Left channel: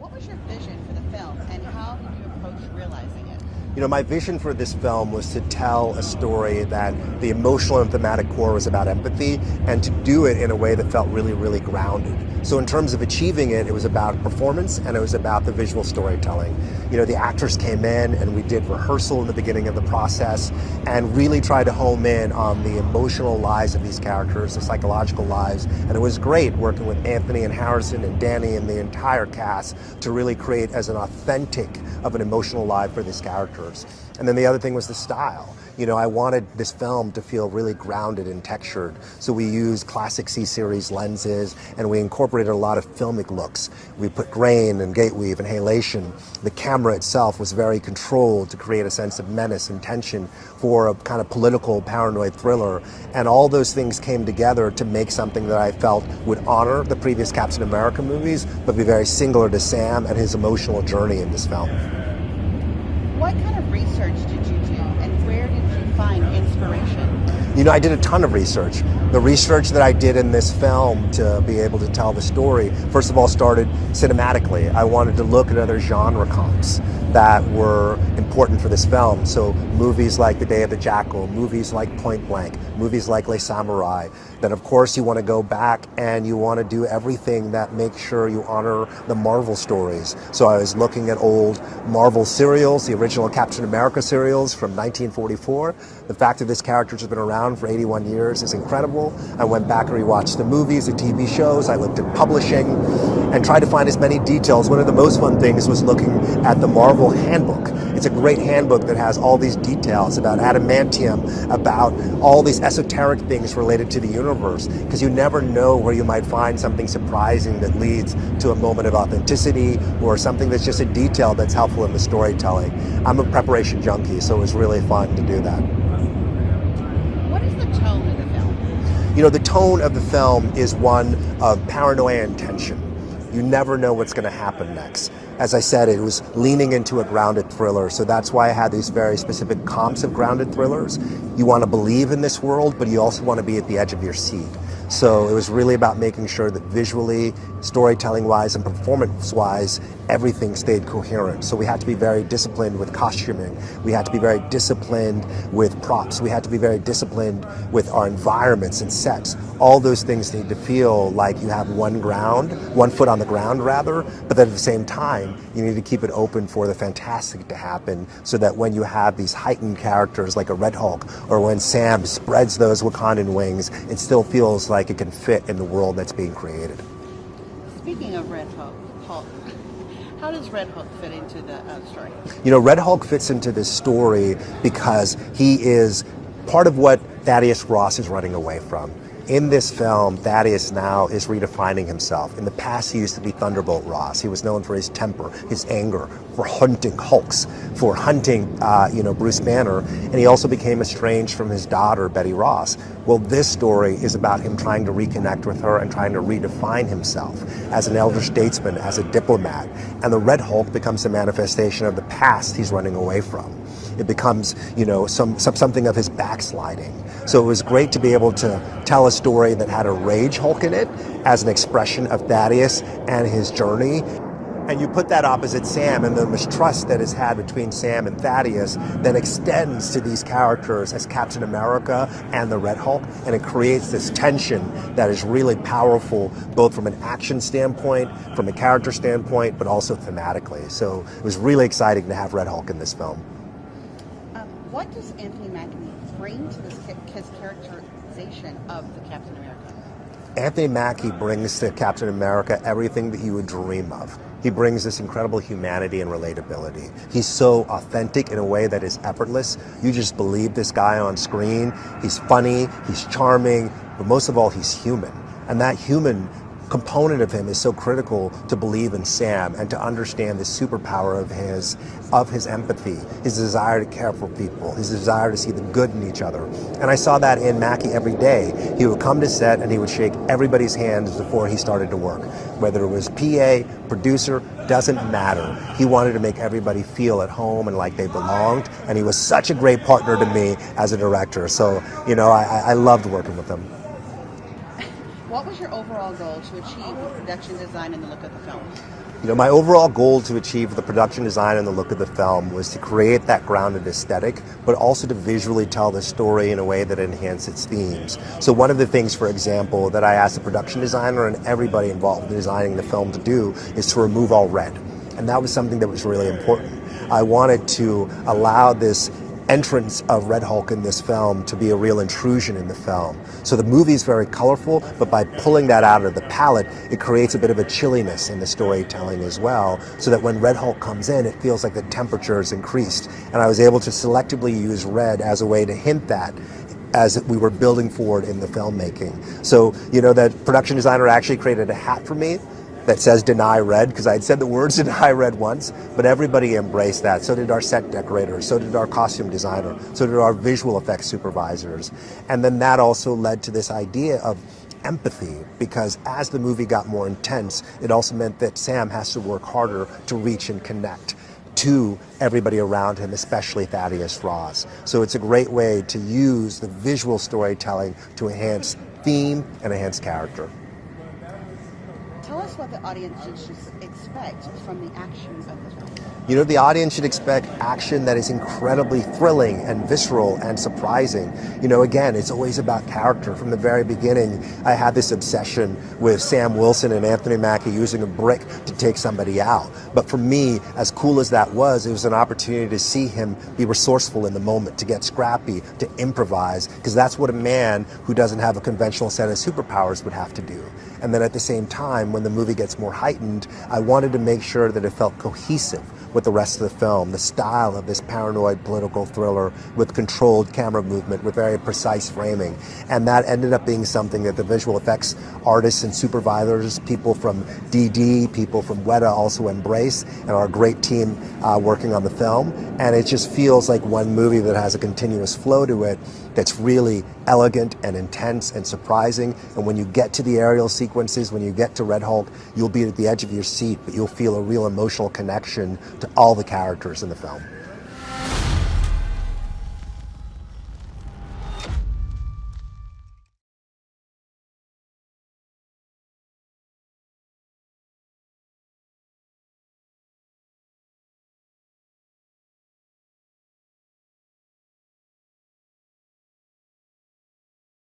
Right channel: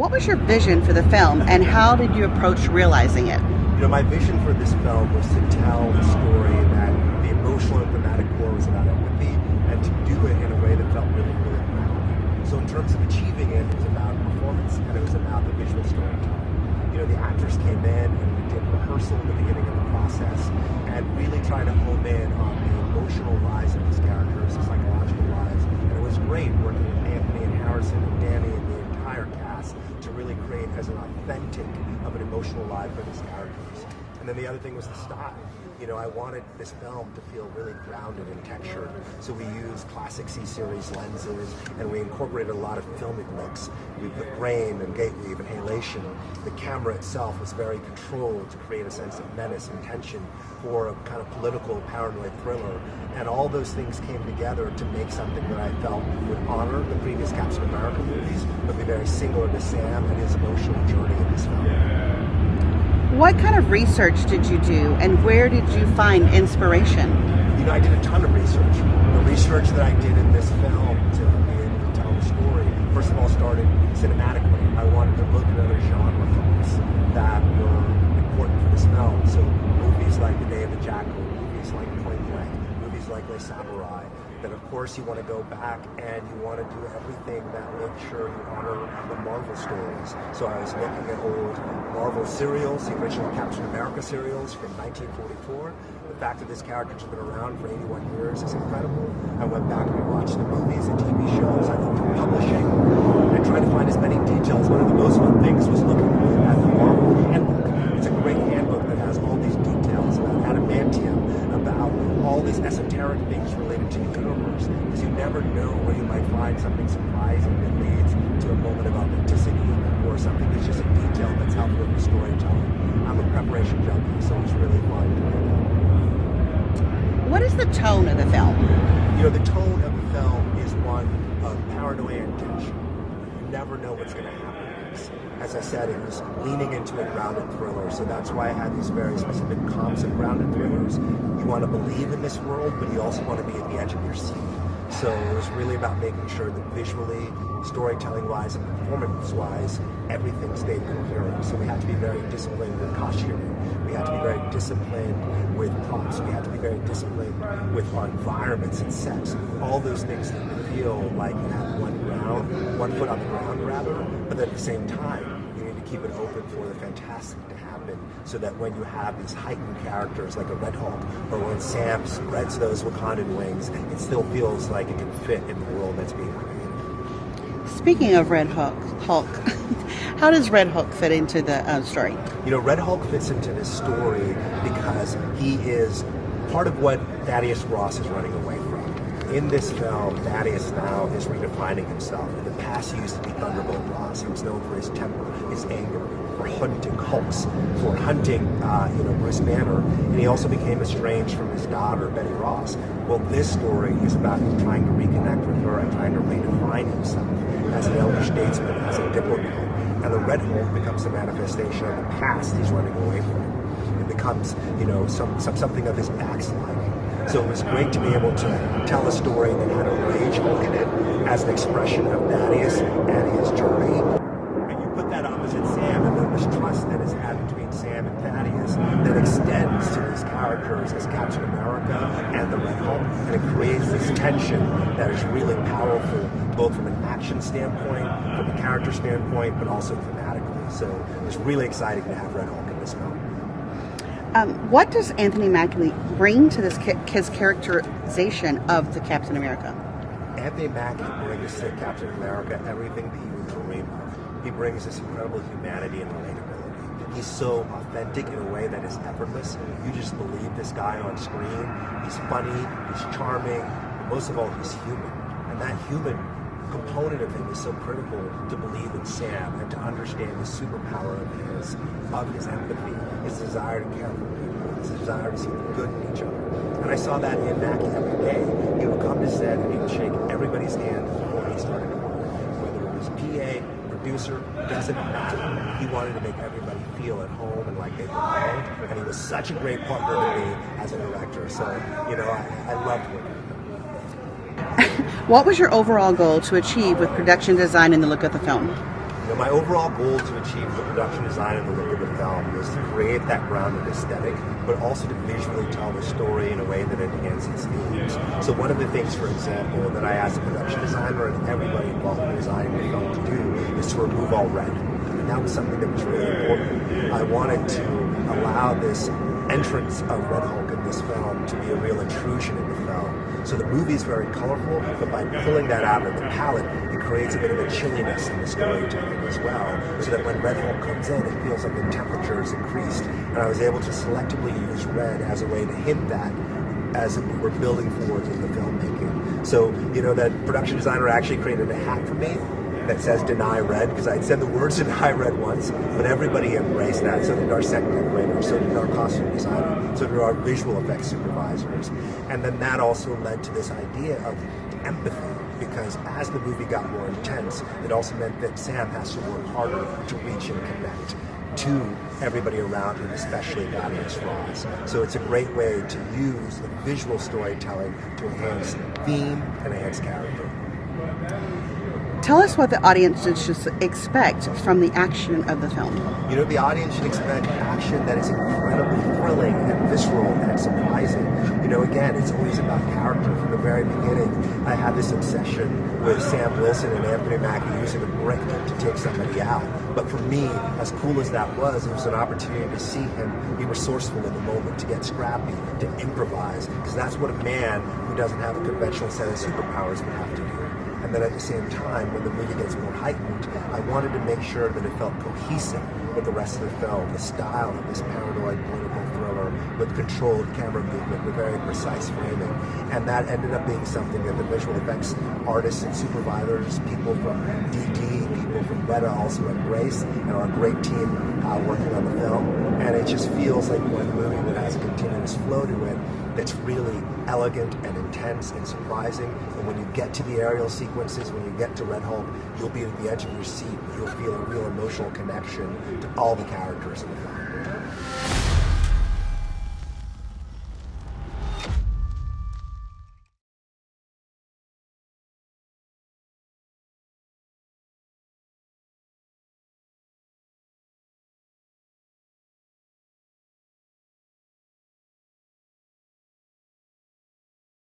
What was your vision for the film, and how did you approach realizing it? My vision for this film was to tell a story that the emotional and thematic core was about empathy, and to do it in a way that felt really, really grounded. So in terms of achieving it, it was about performance and it was about the visual storytelling. The actors came in and we did rehearsal in the beginning of the process and really tried to home in on the emotional lives of these characters, the psychological lives. And it was great working with Anthony and Harrison and Danny and the entire cast to really create as an authentic of an emotional life for these characters. And then the other thing was the style. I wanted this film to feel really grounded and textured. So we used classic C-series lenses and we incorporated a lot of filmic looks. We put grain and gate weave and halation. The camera itself was very controlled to create a sense of menace and tension for a kind of political paranoid thriller. And all those things came together to make something that I felt would honor the previous Captain America movies, but be very singular to Sam and his emotional journey in this film. What kind of research did you do, and where did you find inspiration? I did a ton of research. The research that I did in this film to be able to tell the story, first of all, started cinematically. I wanted to look at other genre comps that were important for this film. So movies like The Day of the Jackal, movies like Point Blank, movies like Les Samurai. Then of course you want to go back and you want to do everything that makes sure you honor the Marvel stories. So I was looking at old Marvel serials, the original Captain America serials from 1944. The fact that this character has been around for 81 years is incredible. I went back and rewatched the movies, the TV shows. I looked at publishing and tried to find as many details. One of the most fun things was looking at the Marvel handbook. It's a great handbook that has all these details about adamantium, about all these esoteric things related to the universe, because you never know where you might find something surprising that leads to a moment of authenticity or something that's just a detail that's helpful in the storytelling. I'm a preparation junkie, so it was really fun to do that. What is the tone of the film? The tone of the film is one of paranoia and tension. You never know what's going to happen next. As I said, it was leaning into a grounded thriller, so that's why I had these very specific comps of grounded thrillers. You want to believe in this world, but you also want to be at the edge of your seat. So it was really about making sure that visually, storytelling-wise, and performance-wise, everything stayed coherent. So we had to be very disciplined with costuming. We had to be very disciplined with props. We had to be very disciplined with our environments and sets. All those things need to feel like you have one foot on the ground rather, but then at the same time, you need to keep it open for the fantastic to happen so that when you have these heightened characters like a Red Hulk, or when Sam spreads those Wakandan wings, it still feels like it can fit in the world that's being created. Speaking of Red Hulk, how does Red Hulk fit into the story? Red Hulk fits into this story because he is part of what Thaddeus Ross is running away from. In this film, Thaddeus now is redefining himself. In the past, he used to be Thunderbolt Ross. He was known for his temper, his anger, for hunting Hulks, for hunting, Bruce Banner, and he also became estranged from his daughter, Betty Ross. Well, this story is about him trying to reconnect with her and trying to redefine himself as an elder statesman, as a diplomat. And the Red Hulk becomes a manifestation of the past he's running away from. It becomes, something of his backsliding. So it was great to be able to tell a story that had a Rage Hulk in it as an expression of Thaddeus and his journey. And you put that opposite Sam, and the mistrust that is had between Sam and Thaddeus that extends to these characters as Captain America and the Red Hulk, and it creates this tension that is really powerful, both from an action standpoint, from a character standpoint, but also thematically. So it was really exciting to have Red Hulk in this film. What does Anthony Mackie bring to his characterization of the Captain America? Anthony Mackie brings to Captain America everything that you would dream of. He brings this incredible humanity and relatability. He's so authentic in a way that is effortless. You just believe this guy on screen. He's funny, he's charming, but most of all, he's human. And that human component of him is so critical to believe in Sam and to understand the superpower of his empathy, his desire to care for people, his desire to see the good in each other. And I saw that in Mackie every day. He would come to set and he would shake everybody's hands before he started to work. Whether it was PA, producer, doesn't matter. He wanted to make everybody feel at home and like they belonged, and he was such a great partner to me as a director. So, I loved working with him. What was your overall goal to achieve with production design and the look of the film? My overall goal to achieve the production design and the look of the film was to create that grounded aesthetic, but also to visually tell the story in a way that enhances its themes. So one of the things, for example, that I asked the production designer and everybody involved in designing the film to do is to remove all red. And that was something that was really important. I wanted to allow this entrance of Red Hulk in this film to be a real intrusion in the film. So the movie is very colorful, but by pulling that out of the palette, it creates a bit of a chilliness in the storytelling as well, so that when Red Hulk comes in, it feels like the temperature is increased. And I was able to selectively use red as a way to hint that as we were building forward in the filmmaking. So, that production designer actually created a hat for me that says "Deny Red," because I had said the words "Deny Red" once, but everybody embraced that. So did our set decorators, so did our costume designer, so did our visual effects supervisors. And then that also led to this idea of empathy, because as the movie got more intense, it also meant that Sam has to work harder to reach and connect to everybody around him, especially Thaddeus Ross. So it's a great way to use the visual storytelling to enhance theme and enhance character. Tell us what the audience should expect from the action of the film. The audience should expect action that is incredibly thrilling and visceral and surprising. Again, it's always about character. From the very beginning, I had this obsession with Sam Wilson and Anthony Mackie using a brick to take somebody out. But for me, as cool as that was, it was an opportunity to see him be resourceful in the moment, to get scrappy, to improvise, because that's what a man who doesn't have a conventional set of superpowers would have to do. And then at the same time, when the movie gets more heightened, I wanted to make sure that it felt cohesive with the rest of the film, the style of this paranoid political thriller with controlled camera movement, with very precise framing. And that ended up being something that the visual effects artists and supervisors, people from DD, people from Weta also embrace, and our great team working on the film. And it just feels like one movie that has a continuous flow to it that's really elegant and intense and surprising. And when you get to the aerial sequences, when you get to Red Hulk, you'll be at the edge of your seat, but you'll feel a real emotional connection to all the characters in the film.